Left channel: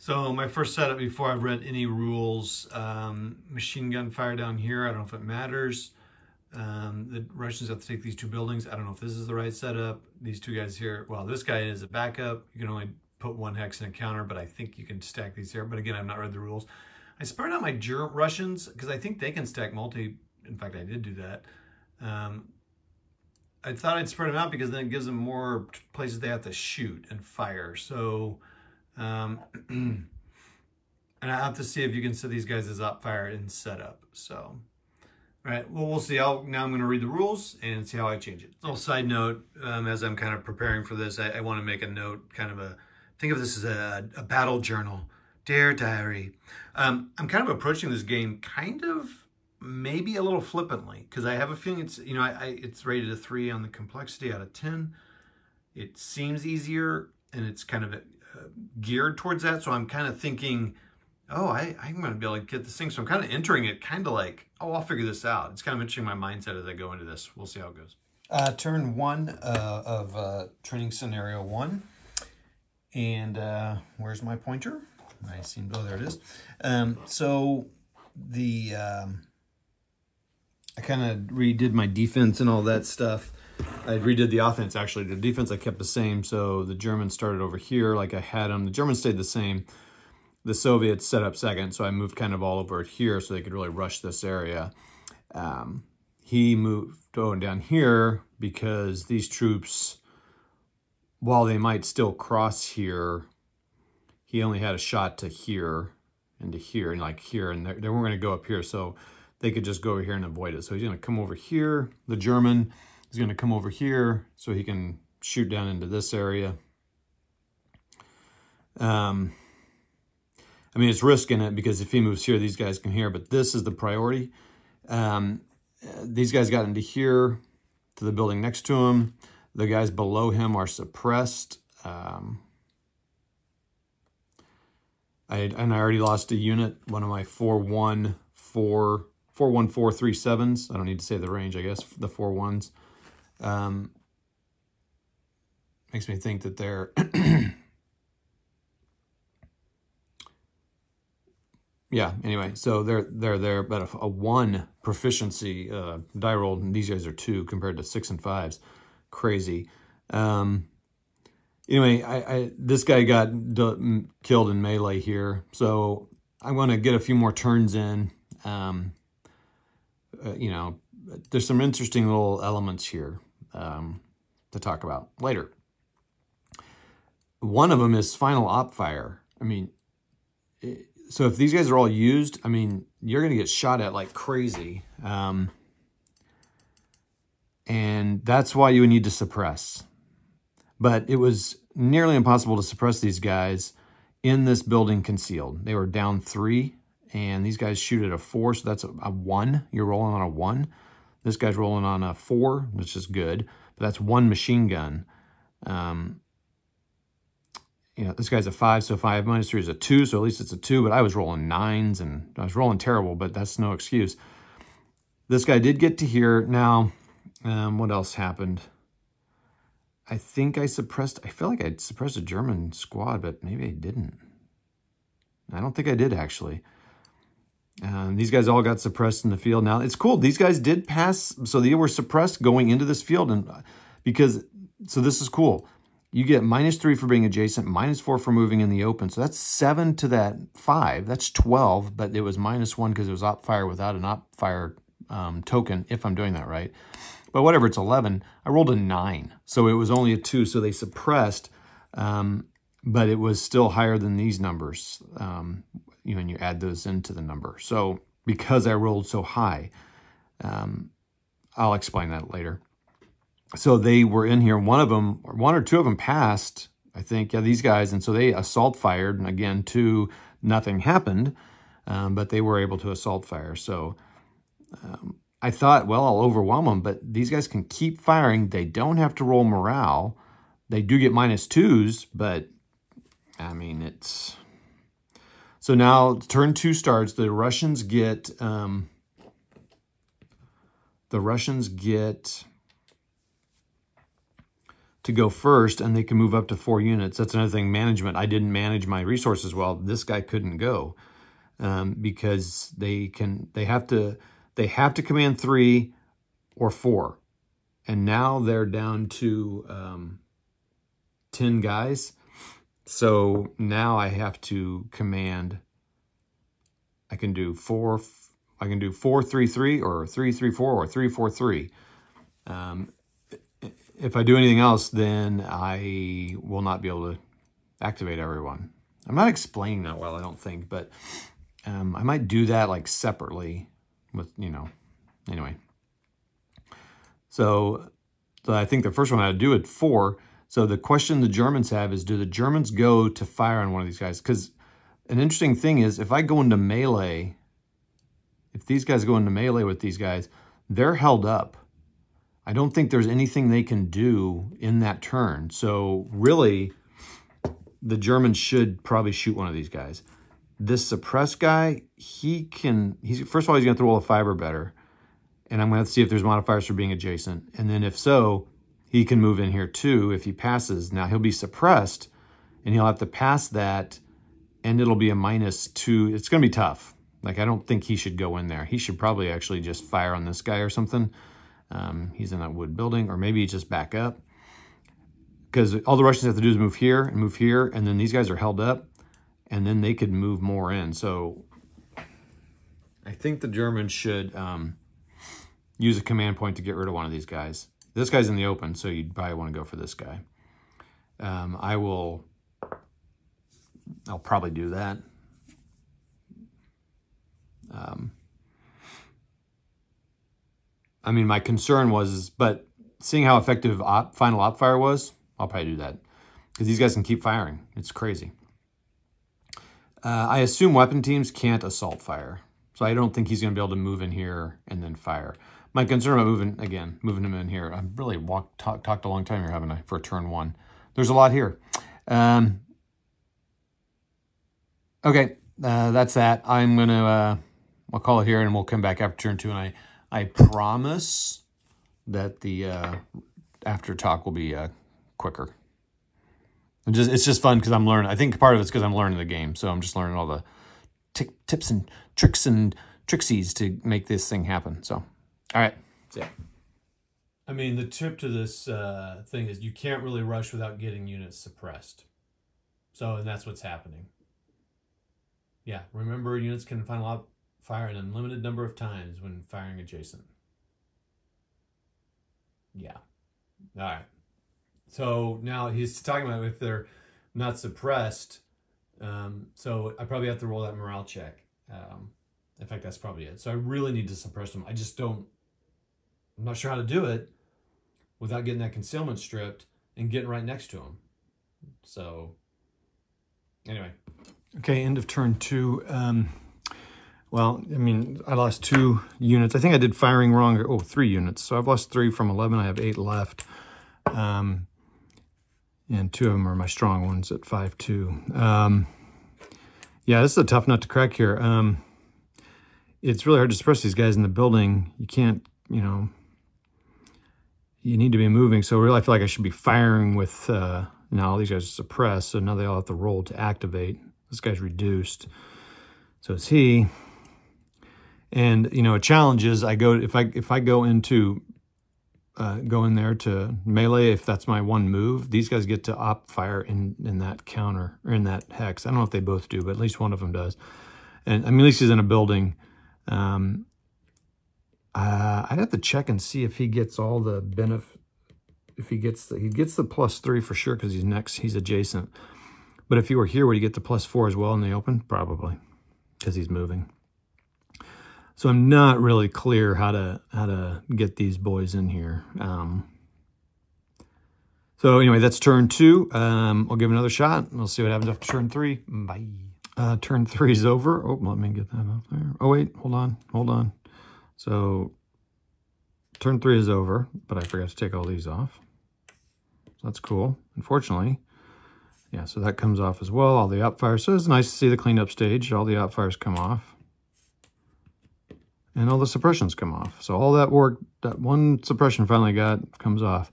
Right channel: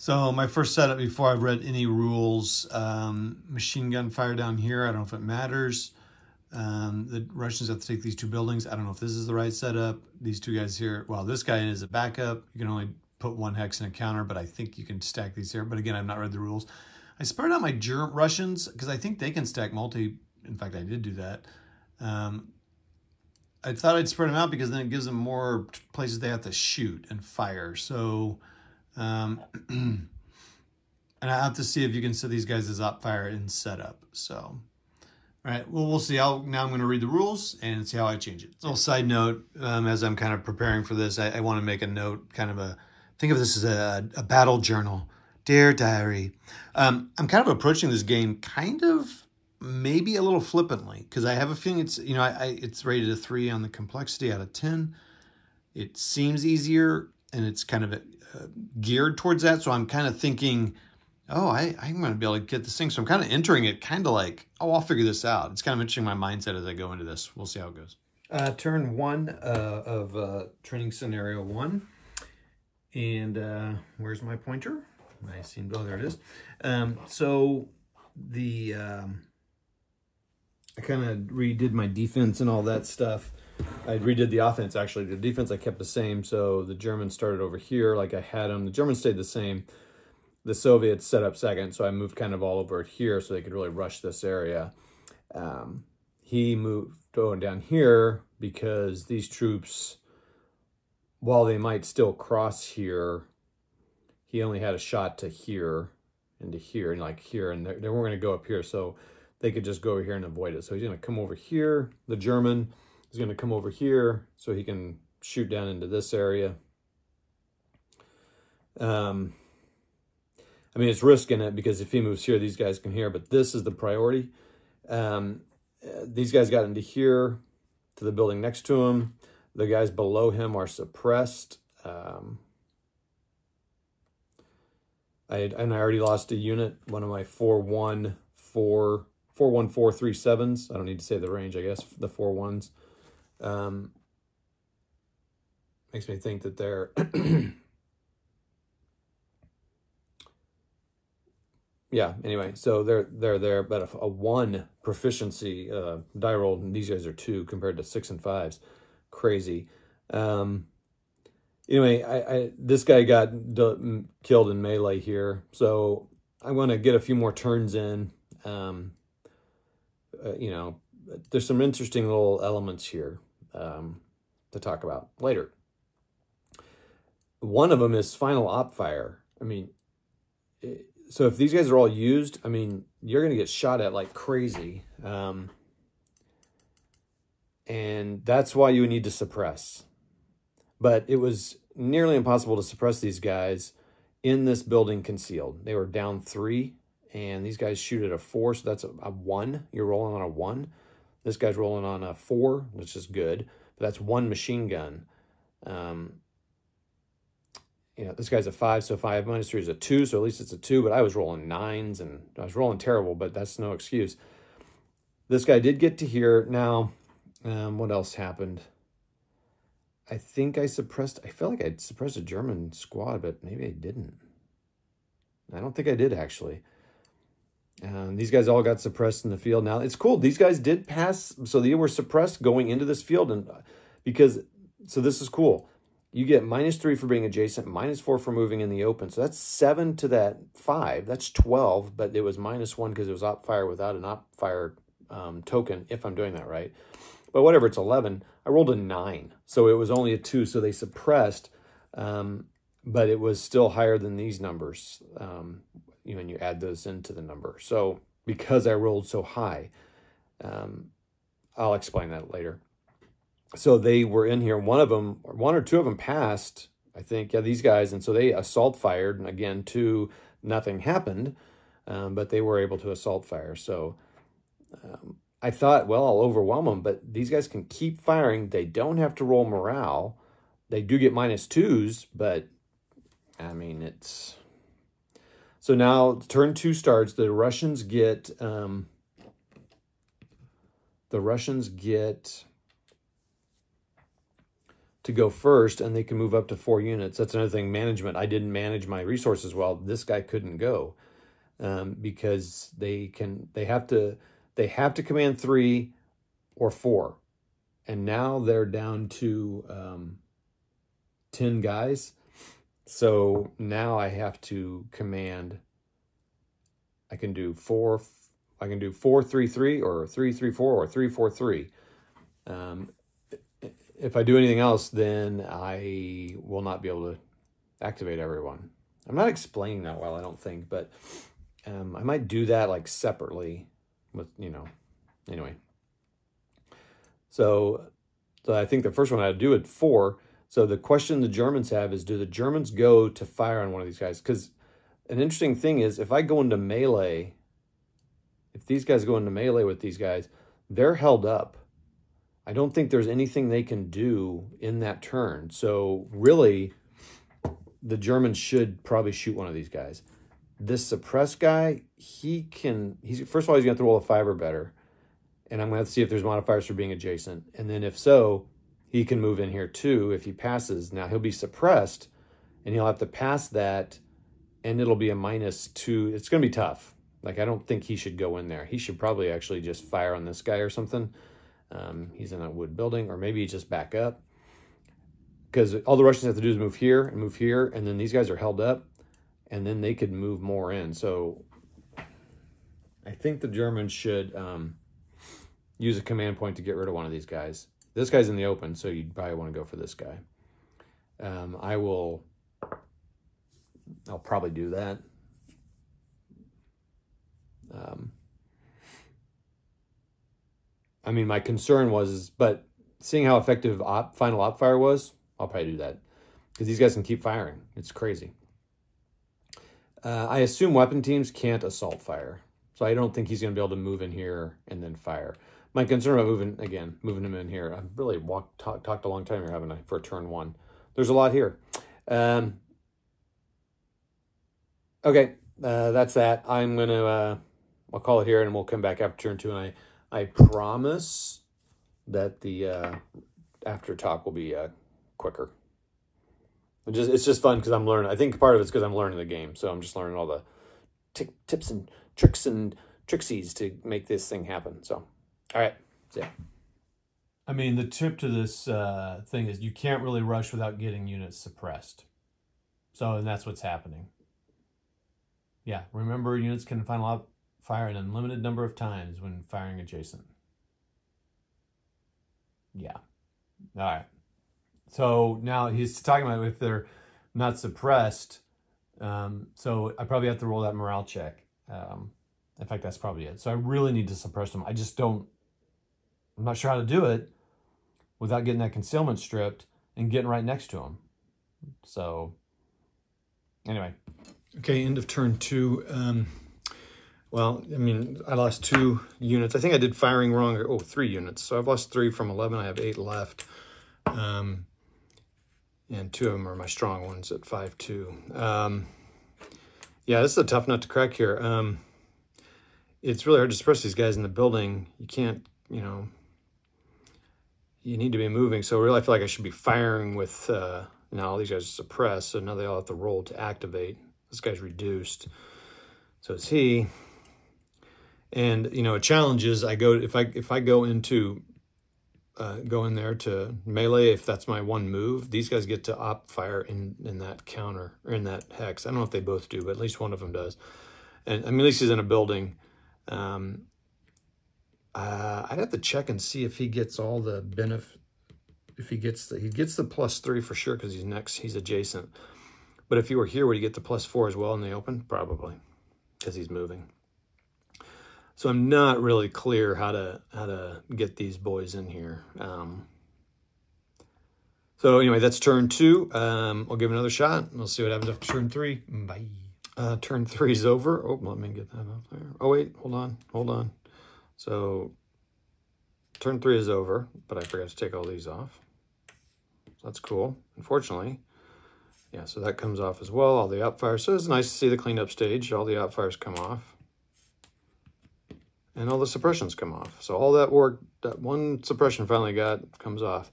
So my first setup before I've read any rules, machine gun fire down here. I don't know if it matters. The Russians have to take these two buildings. I don't know if this is the right setup. These two guys here, well, this guy is a backup. You can only put one hex in a counter, but I think you can stack these here. But again, I've not read the rules. I spread out my Russians because I think they can stack multi. In fact, I did do that. I thought I'd spread them out because then it gives them more places they have to shoot and fire. So, and I have to see if you can set these guys as op fire in setup. So, all right, well, we'll see how, now I'm going to read the rules and see how I change it. So, side note, as I'm kind of preparing for this, I want to make a note, kind of think of this as a battle journal. Dear Diary. I'm kind of approaching this game kind of maybe a little flippantly because I have a feeling it's, you know, it's rated a 3 on the complexity out of 10. It seems easier and it's kind of geared towards that. So I'm kind of thinking, oh, I'm going to be able to get this thing. So I'm kind of entering it kind of like, oh, I'll figure this out. It's kind of interesting my mindset as I go into this. We'll see how it goes. Turn 1 of training scenario 1. And where's my pointer? I seem, oh, there it is. So the, I kind of redid my defense and all that stuff. I redid the offense, actually. The defense I kept the same, so the Germans started over here like I had them. The Germans stayed the same. The Soviets set up second, so I moved kind of all over here so they could really rush this area. He moved down here because these troops, while they might still cross here, he only had a shot to here and to here and like here, and they weren't going to go up here, so they could just go over here and avoid it. So he's going to come over here. The German is going to come over here so he can shoot down into this area. I mean, it's risking it because if he moves here, these guys can hear, but this is the priority. These guys got into here to the building next to him. The guys below him are suppressed. I already lost a unit, one of my 41437s. I don't need to say the range, I guess, the 4-1s. Makes me think that they're... yeah, anyway, so they're there, but a 1 proficiency die roll, and these guys are 2 compared to 6 and 5s. Crazy. Anyway, this guy got killed in melee here, so I'm going to get a few more turns in. You know, there's some interesting little elements here to talk about later. One of them is final op fire. I mean, so if these guys are all used, I mean, you're going to get shot at like crazy. And that's why you would need to suppress. But it was nearly impossible to suppress these guys in this building concealed. They were down 3, and these guys shoot at a 4, so that's a 1. You're rolling on a 1. This guy's rolling on a 4, which is good, but that's 1 machine gun. You know, this guy's a 5, so 5 minus 3 is a 2, so at least it's a 2, but I was rolling 9s, and I was rolling terrible, but that's no excuse. This guy did get to here. Now, what else happened? I think I suppressed, I feel like I suppressed a German squad, but maybe I didn't. I don't think I did, actually. These guys all got suppressed in the field. Now, it's cool. These guys did pass, so they were suppressed going into this field. And because, so this is cool. You get -3 for being adjacent, -4 for moving in the open. So that's 7 to that 5. That's 12, but it was -1 because it was op fire without an op fire token, if I'm doing that right. But whatever, it's 11. I rolled a 9, so it was only a 2, so they suppressed, but it was still higher than these numbers, you know, when you add those into the number. So because I rolled so high, I'll explain that later. So they were in here. One or two of them passed, I think, yeah, these guys, and so they assault fired, and again, 2, nothing happened, but they were able to assault fire. So I thought, well, I'll overwhelm them, but these guys can keep firing. They don't have to roll morale. They do get -2s, but I mean, it's... So now turn 2 starts. The Russians get to go first, and they can move up to 4 units. That's another thing, management. I didn't manage my resources well. This guy couldn't go because they have to command 3 or 4. And now they're down to 10 guys. So now I have to command, I can do 4, 3, 3, or 3, 3, 4, or 3, 4, 3. If I do anything else, then I will not be able to activate everyone. I'm not explaining that well, I don't think, but I might do that like separately with, anyway. So I think the first one I would do at 4. So the question the Germans have is, do the Germans go to fire on one of these guys? Because an interesting thing is, if I go into melee, if these guys go into melee with these guys, they're held up. I don't think there's anything they can do in that turn. So really, the Germans should probably shoot one of these guys. This suppressed guy, first of all, he's going to roll a fiber better. And I'm going to have to see if there's modifiers for being adjacent. And then if so, he can move in here too if he passes. Now he'll be suppressed, and he'll have to pass that, and it'll be a -2. It's going to be tough. Like, I don't think he should go in there. He should probably actually just fire on this guy or something. He's in that wood building, or maybe just back up. Because all the Russians have to do is move here, and then these guys are held up, and then they could move more in. So I think the Germans should use a command point to get rid of one of these guys. This guy's in the open, so you'd probably want to go for this guy. I'll probably do that. I mean, my concern was, but seeing how effective final op fire was, I'll probably do that. Because these guys can keep firing. It's crazy. I assume weapon teams can't assault fire. So I don't think he's going to be able to move in here and then fire. My concern about moving him in here, I've really talked a long time here, haven't I, for turn 1. There's a lot here. Okay, that's that. I'm going to, I'll call it here, and we'll come back after turn 2, and I promise that the after talk will be quicker. It's just fun because I'm learning. I think part of it's because I'm learning the game, so I'm just learning all the tips and tricks and trixies to make this thing happen. So, all right, see ya. I mean, the tip to this thing is you can't really rush without getting units suppressed. So, and that's what's happening. Yeah, remember, units can final fire an unlimited number of times when firing adjacent. Yeah. All right. So now he's talking about if they're not suppressed. So I probably have to roll that morale check. In fact, that's probably it. So I really need to suppress them. I'm not sure how to do it without getting that concealment stripped and getting right next to them. So anyway. Okay, end of turn 2. Well, I mean, I lost 2 units. I think I did firing wrong. Oh, 3 units. So I've lost 3 from 11. I have 8 left. And 2 of them are my strong ones at 5-2. Yeah, this is a tough nut to crack here. It's really hard to suppress these guys in the building. You can't, you need to be moving. So really, I feel like I should be firing with, now all these guys are suppressed, so now they all have to roll to activate. This guy's reduced. So it's he. And, a challenge is if I go into, go in there to melee, if that's my one move, these guys get to op fire in that counter, or in that hex. I don't know if they both do, but at least one of them does. And I mean, at least he's in a building. I'd have to check and see if he gets all the benefit. If he gets the +3 for sure, because he's adjacent. But if he were here, would he get the +4 as well in the open? Probably, because he's moving. So I'm not really clear how to get these boys in here. So anyway, that's turn 2. I'll give it another shot. We'll see what happens after turn 3. Bye. Turn 3 is over. Oh, let me get that up there. Oh wait, hold on. So turn 3 is over, but I forgot to take all these off. So that's cool. Unfortunately. Yeah, so that comes off as well, all the op fires. So it's nice to see the cleanup stage. All the op fires come off. And all the suppressions come off. So all that work, that one suppression finally comes off.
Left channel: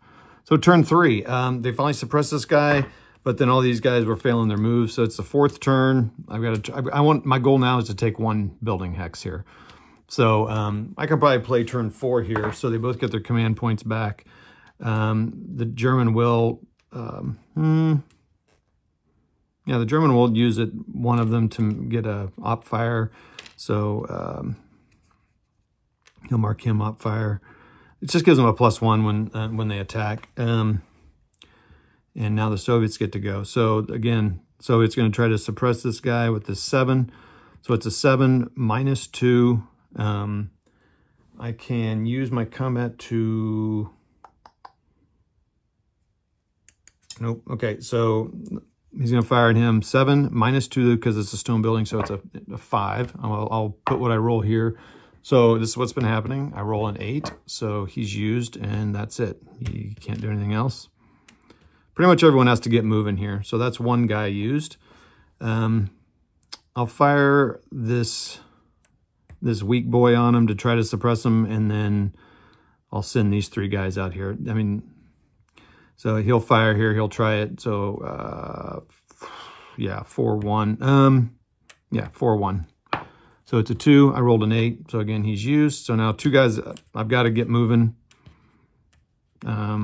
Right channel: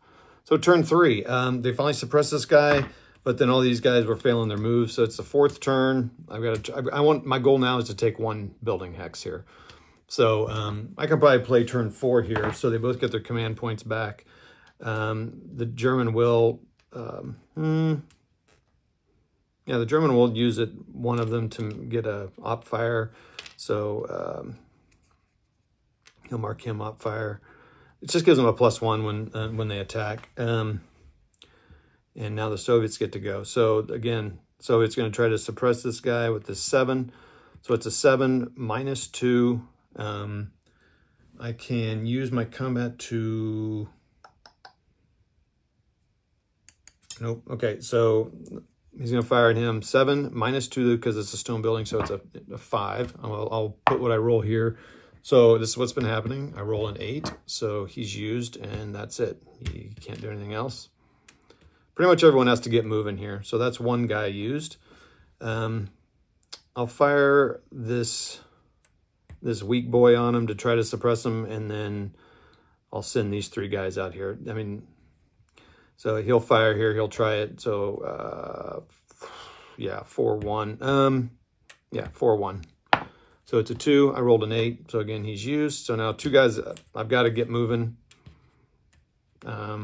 So turn 3, they finally suppressed this guy, but then all these guys were failing their moves. So it's the 4th turn. My goal now is to take 1 building hex here. So I can probably play turn 4 here, so they both get their command points back. The German will, yeah, the German will use it, one of them, to get a op fire. So he'll mark him op fire. It just gives them a +1 when they attack. And now the Soviets get to go. So again, Soviets going to try to suppress this guy with this 7. So it's a 7 -2. I can use my combat to... Nope. Okay, so he's going to fire at him. 7 -2 because it's a stone building, so it's a 5. I'll put what I roll here. So this is what's been happening. I roll an 8, so he's used, and that's it. He can't do anything else. Pretty much everyone has to get moving here. So that's 1 guy used. I'll fire this weak boy on him to try to suppress him, and then I'll send these 3 guys out here. I mean, so he'll fire here. He'll try it. So, yeah, 4-1. Yeah, 4-1. So it's a 2. I rolled an 8. So again, he's used. So now 2 guys, I've got to get moving. I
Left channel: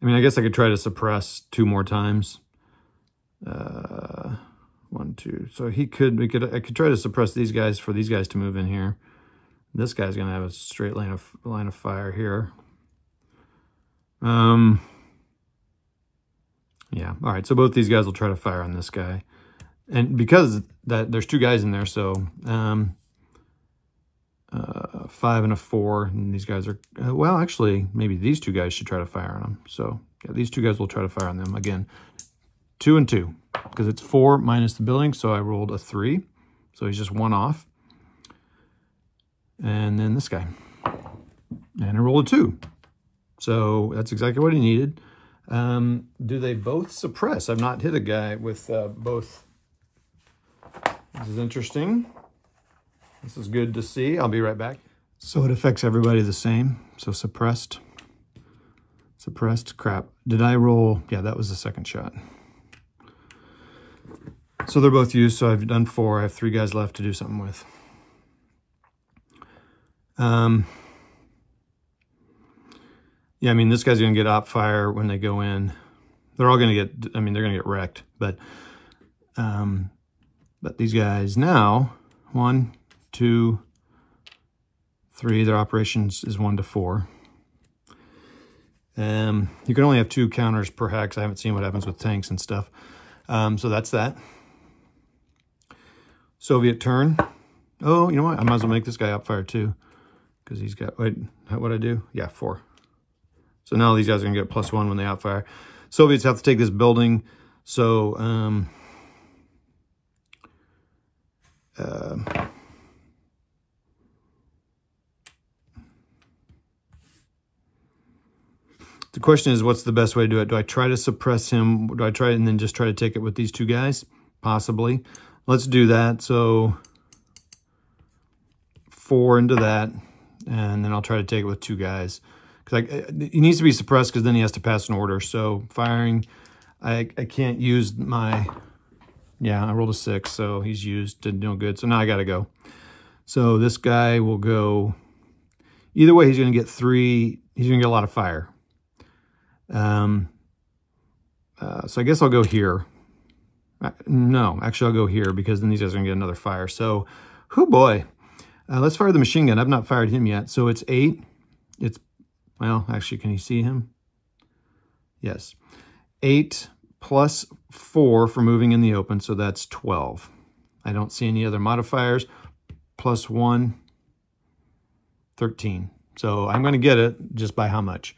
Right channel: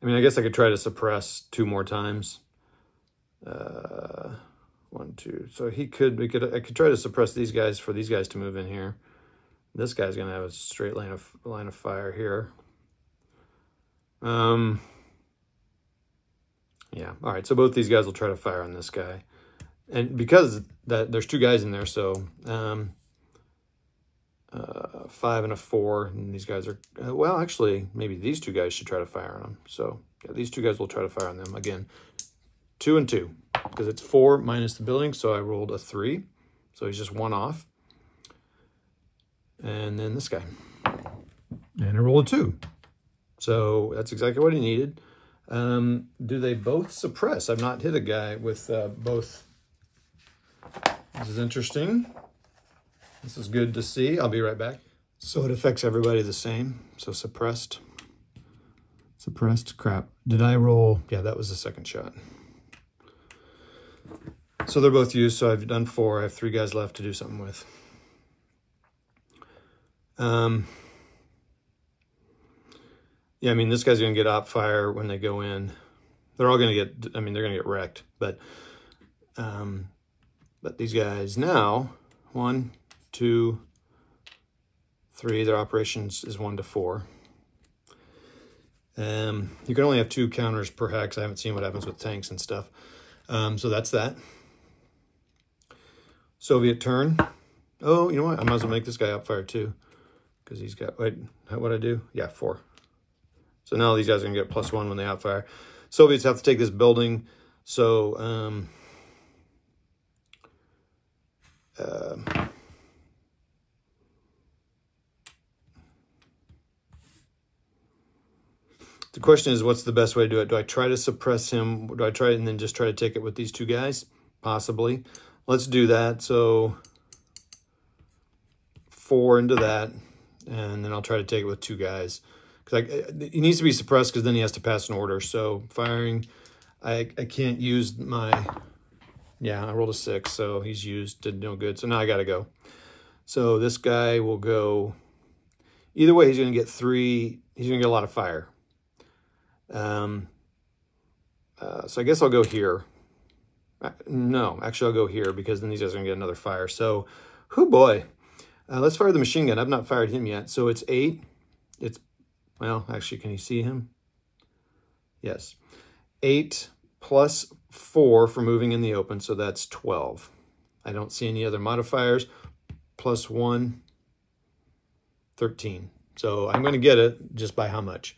mean, I guess I could try to suppress 2 more times. 1, 2. So I could try to suppress these guys for these guys to move in here. This guy's going to have a straight line of fire here. Yeah. All right. So both these guys will try to fire on this guy. And because there's 2 guys in there, so 5 and a 4, and these guys are, well, actually, maybe these 2 guys should try to fire on them. So yeah, these 2 guys will try to fire on them. Again, 2 and 2, because it's 4 minus the building, so I rolled a 3. So he's just 1 off. And then this guy. And I rolled a 2. So that's exactly what he needed. Do they both suppress? I've not hit a guy with both. This is interesting. This is good to see. I'll be right back. So it affects everybody the same. So suppressed. Suppressed. Crap. Did I roll? Yeah, that was the 2nd shot. So they're both used. So I've done 4. I have 3 guys left to do something with. Yeah, I mean, this guy's going to get op fire when they go in. They're all going to get, I mean, they're going to get wrecked. But these guys now, 1, 2, 3, their operations is 1 to 4. You can only have 2 counters per hex. I haven't seen what happens with tanks and stuff. So that's that. Soviet turn. Oh, you know what? I might as well make this guy op fire too. Because he's got, wait, what'd I do? Yeah, 4. So now these guys are going to get +1 when they op fire. Soviets have to take this building. So, the question is, what's the best way to do it? Do I try to suppress him? Do I try and then just try to take it with these 2 guys? Possibly. Let's do that. So 4 into that, and then I'll try to take it with 2 guys. Because he needs to be suppressed because then he has to pass an order. So firing, I can't use my, yeah, I rolled a 6, so he's used, did no good. So now I got to go. So this guy will go, either way, he's going to get 3, he's going to get a lot of fire. So I guess I'll go here. No, actually I'll go here because then these guys are going to get another fire. So, oh boy. Let's fire the machine gun. I've not fired him yet. So it's 8. It's, well, actually, can you see him? Yes. 8 plus 4 for moving in the open, so that's 12. I don't see any other modifiers. Plus 1, 13. So I'm going to get it just by how much?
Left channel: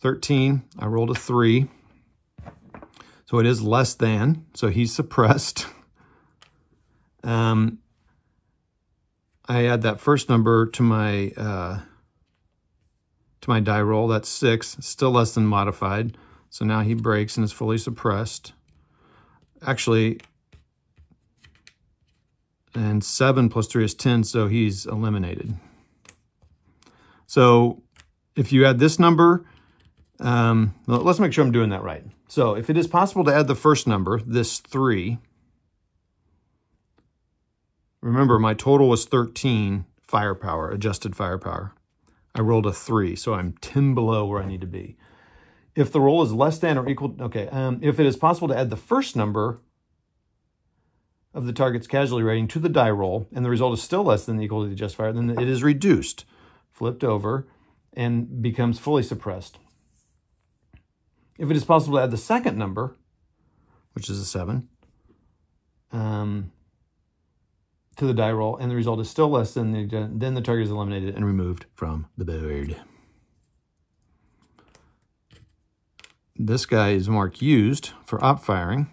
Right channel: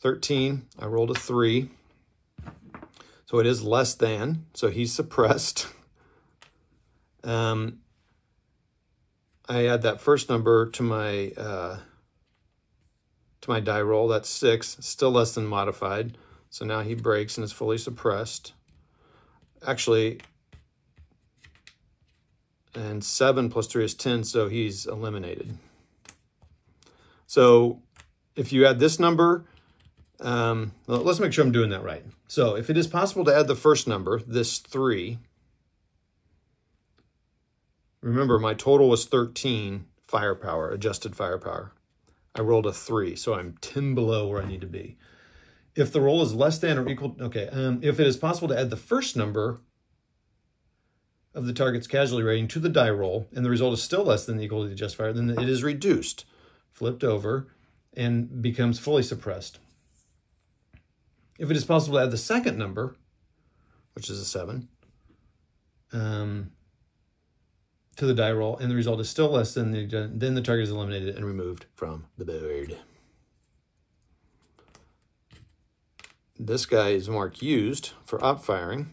13. I rolled a 3. So it is less than. So he's suppressed. I add that first number to my die roll. That's 6. Still less than modified. So now he breaks and is fully suppressed. Actually, and 7 plus 3 is 10, so he's eliminated. So if you add this number, let's make sure I'm doing that right. So if it is possible to add the first number, this 3, remember my total was 13 firepower, adjusted firepower. I rolled a 3, so I'm 10 below where I need to be. If the roll is less than or equal, okay, if it is possible to add the first number of the target's casualty rating to the die roll, and the result is still less than or equal to the adjusted fire, then it is reduced, flipped over, and becomes fully suppressed. If it is possible to add the second number, which is a 7, to the die roll, and the result is still less than then the target is eliminated and removed from the board. This guy is marked used for op firing,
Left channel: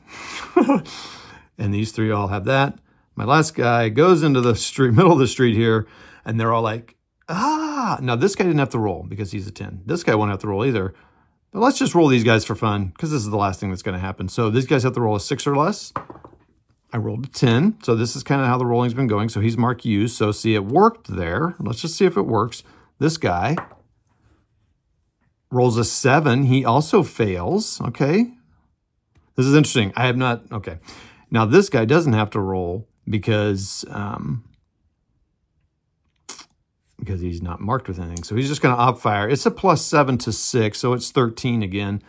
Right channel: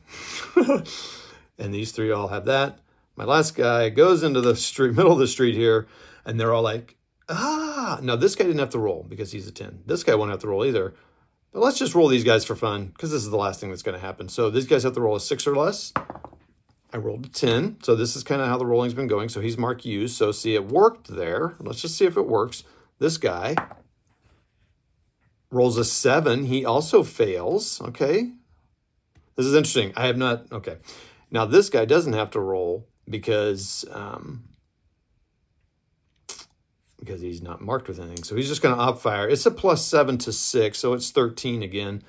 and these 3 all have that. My last guy goes into the street, middle of the street here, and they're all like, ah! Now this guy didn't have to roll because he's a 10. This guy won't have to roll either. But let's just roll these guys for fun, because this is the last thing that's going to happen. So these guys have to roll a 6 or less. I rolled a 10, so this is kind of how the rolling's been going. So he's marked used, so see, it worked there. Let's just see if it works. This guy rolls a 7. He also fails, okay? This is interesting. I have not, okay. Now this guy doesn't have to roll because he's not marked with anything. So he's just going to op fire. It's a +7 to 6, so it's 13 again.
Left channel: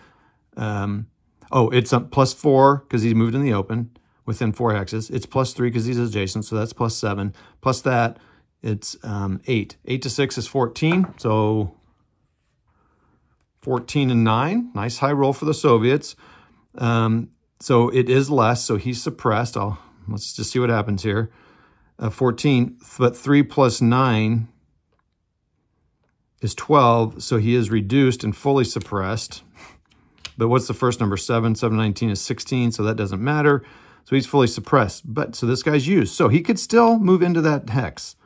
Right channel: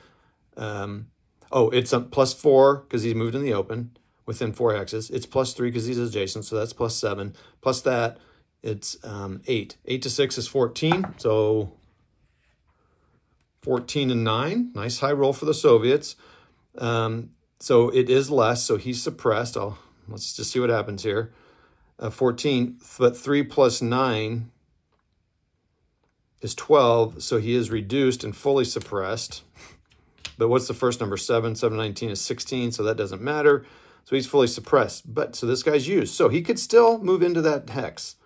Oh, it's a +4 because he's moved in the open within 4 hexes. It's +3 because he's adjacent, so that's +7. Plus that, it's 8. 8 to 6 is 14, so 14 and 9. Nice high roll for the Soviets. So it is less, so he's suppressed. Let's just see what happens here. 14, but 3 plus 9 is 12, so he is reduced and fully suppressed. But what's the first number? 7. 7 19 is 16, so that doesn't matter. So he's fully suppressed. But so this guy's used. So he could still move into that hex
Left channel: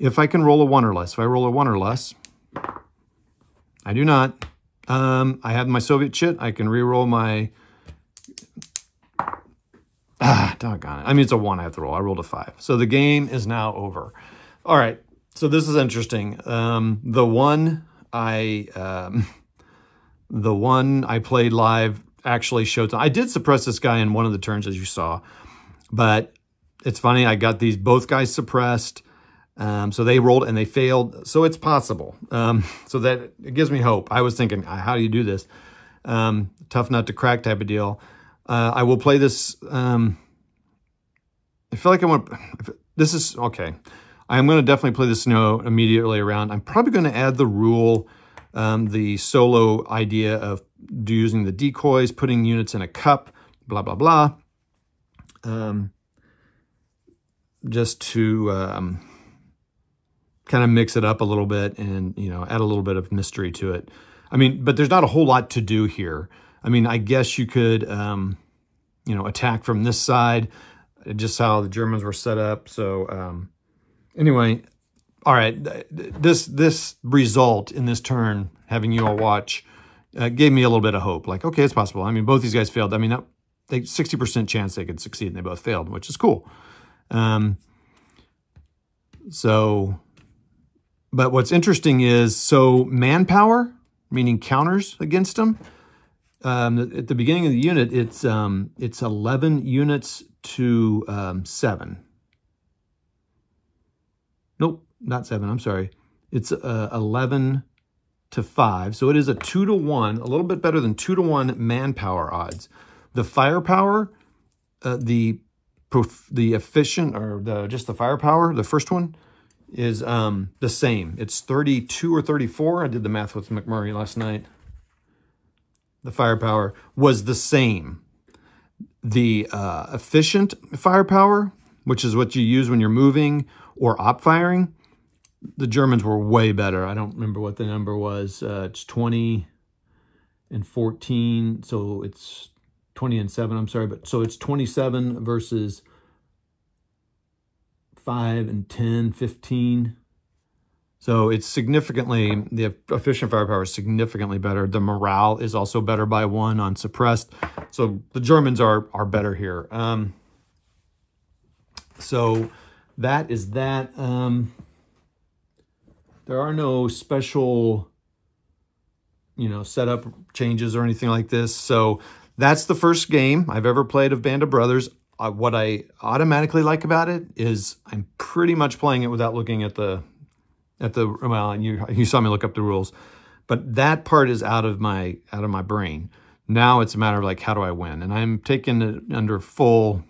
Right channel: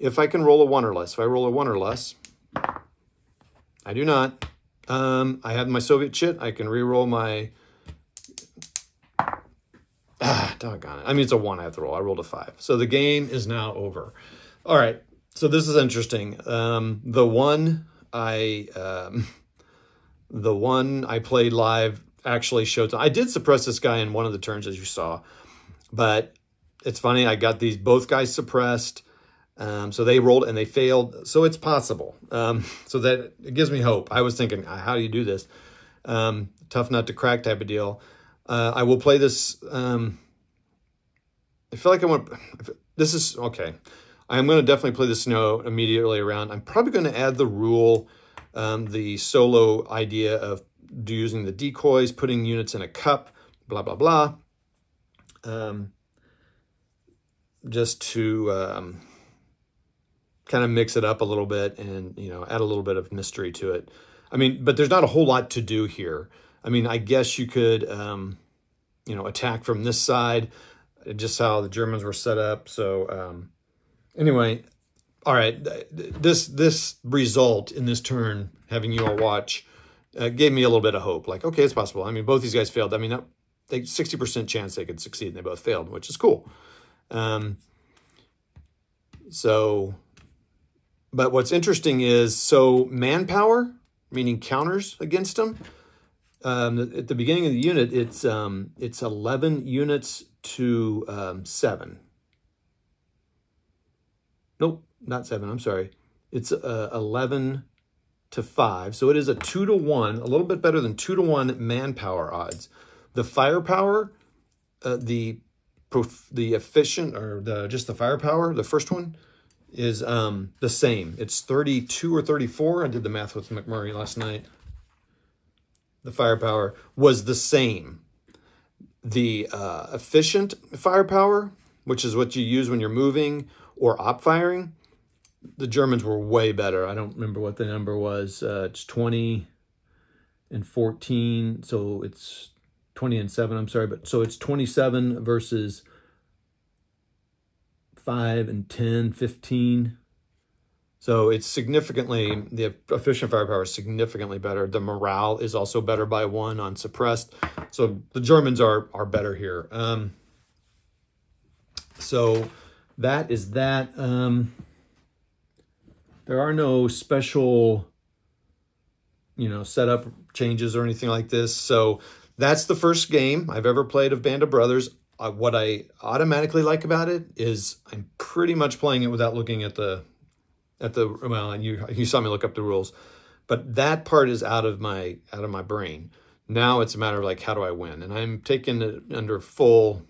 if I can roll a 1 or less. If I roll a 1 or less, I do not. I have my Soviet chit. I can re-roll my... doggone it. I mean, it's a 1 I have to roll. I rolled a 5. So the game is now over. All right. So this is interesting. The one I played live actually showed. I did suppress this guy in one of the turns, as you saw, but it's funny. I got both guys suppressed. So they rolled and they failed. So it's possible. So that it gives me hope. I was thinking, how do you do this? Tough nut to crack type of deal. I will play this. I feel like I want. This is okay. I'm going to definitely play the snow immediately around. I'm probably going to add the rule, the solo idea of using the decoys, putting units in a cup, blah, blah, blah. Just to kind of mix it up a little bit and, you know, add a little bit of mystery to it. I mean, but there's not a whole lot to do here. I mean, I guess you could, you know, attack from this side, just how the Germans were set up. So, anyway, all right, this result in this turn, having you all watch, gave me a little bit of hope. Like, okay, it's possible. I mean, both these guys failed. I mean, 60% chance they could succeed, and they both failed, which is cool. But what's interesting is, so manpower, meaning counters against them, at the beginning of the unit, it's 11 units to 7. Nope, not 7, I'm sorry. It's 11 to 5. So it is a 2 to 1, a little bit better than 2 to 1 manpower odds. The firepower, the efficient, or just the firepower, the first one, is the same. It's 32 or 34. I did the math with McMurray last night. The firepower was the same. The efficient firepower, which is what you use when you're moving or op firing, the Germans were way better. I don't remember what the number was. It's 20 and 14, so it's 20 and 7, I'm sorry, but so it's 27 versus 5 and 10, 15. So it's significantly, the efficient firepower is significantly better. The morale is also better by 1 on suppressed. So the Germans are better here. So that is that. There are no special you know, setup changes or anything like this. So that's the first game I've ever played of Band of Brothers. What I automatically like about it is I'm pretty much playing it without looking at the well, you saw me look up the rules, but that part is out of my brain. Now it's a matter of like, how do I win? And I'm taking it under full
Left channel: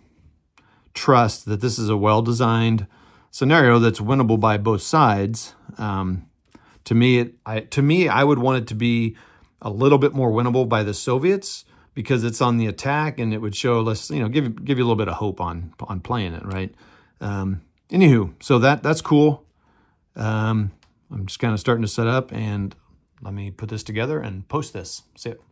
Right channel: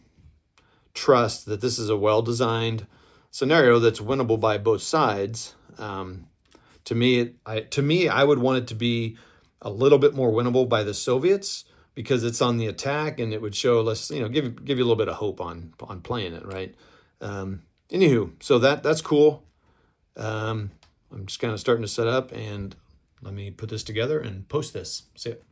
trust that this is a well-designed scenario that's winnable by both sides. To me, I would want it to be a little bit more winnable by the Soviets because it's on the attack, and it would show us, you know, give you a little bit of hope on playing it, right? Anywho, so that's cool. I'm just kind of starting to set up, and let me put this together and post this. See it.